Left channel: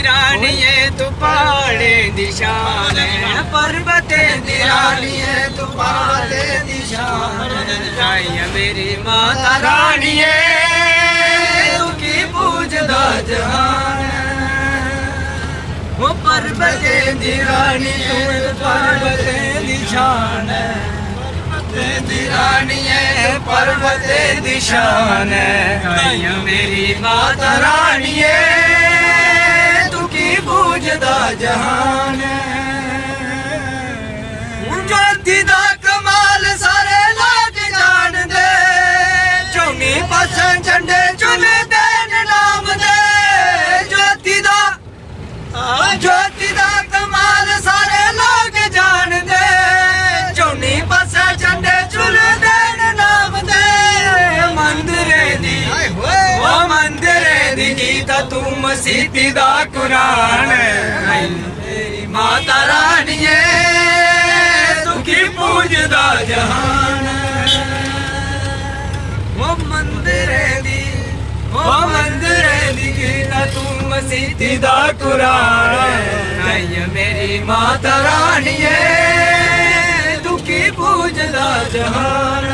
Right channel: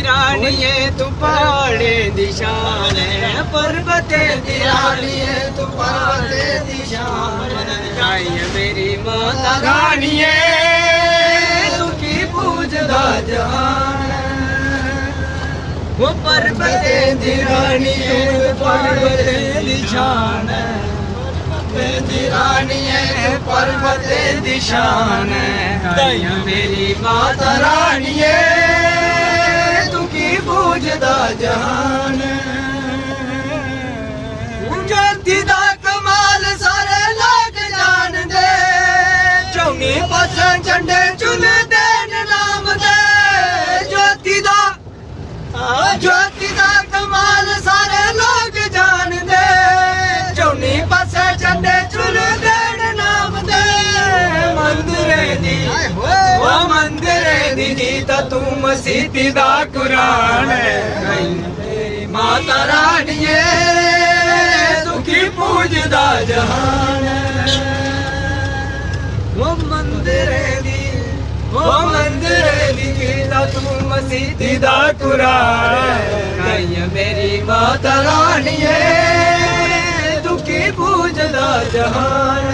दी रानिए तू पहाड़े दी शान है, पर्वते दी रानिए तू पर्वते दी शान है। मेरी माता रानिए तू की पूजदा जहान, वो पर्वते दी रानी तू पर्वते दी शान है, दी रानिए पर्वते दी शान है। मेरी माता रानिए तू की पूजदा जहान ज्योति दा कमाल सारे लोग जान दे, चौनी पासा झंडे चुनदे नाम दे। ज्योति दा कमाल सारे लोग जान दे, चौनी पासा झंडे चुनदे नाम दे। मंदिरे दी वो मंदिरे दी गीता तू मसीती दा कुरान है। मेरी माता रानिए तू की पूजदा जहान, वो मंदिरे दी गीता तू मसीती दा कुरान है। मेरी माता रानिए तू की पूजदा जहान।